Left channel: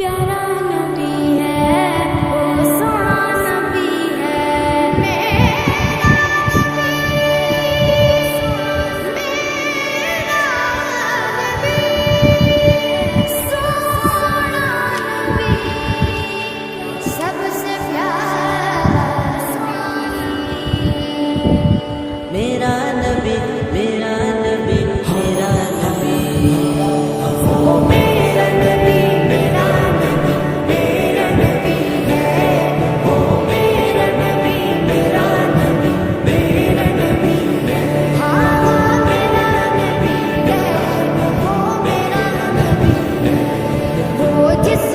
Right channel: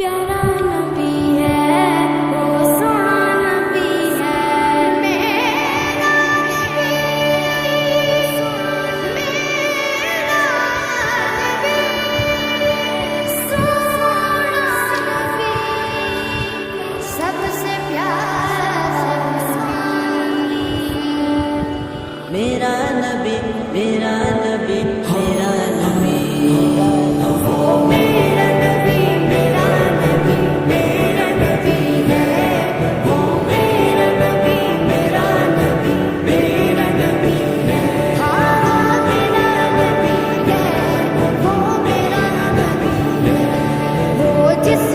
پیارا نبی ہے وہ سونا نبی ہے میرا نبی میرا نبی سونا نبی سب سے پیارا نبی میرا نبی میرا نبی میرا نبی وہ میرا نبی میرا نبی میرا نبی ہے وہ میرا نبی میرا نبی میرا نبی ہے ہاں میرا نبی ہے وہ میرا نبی ہے وہ جس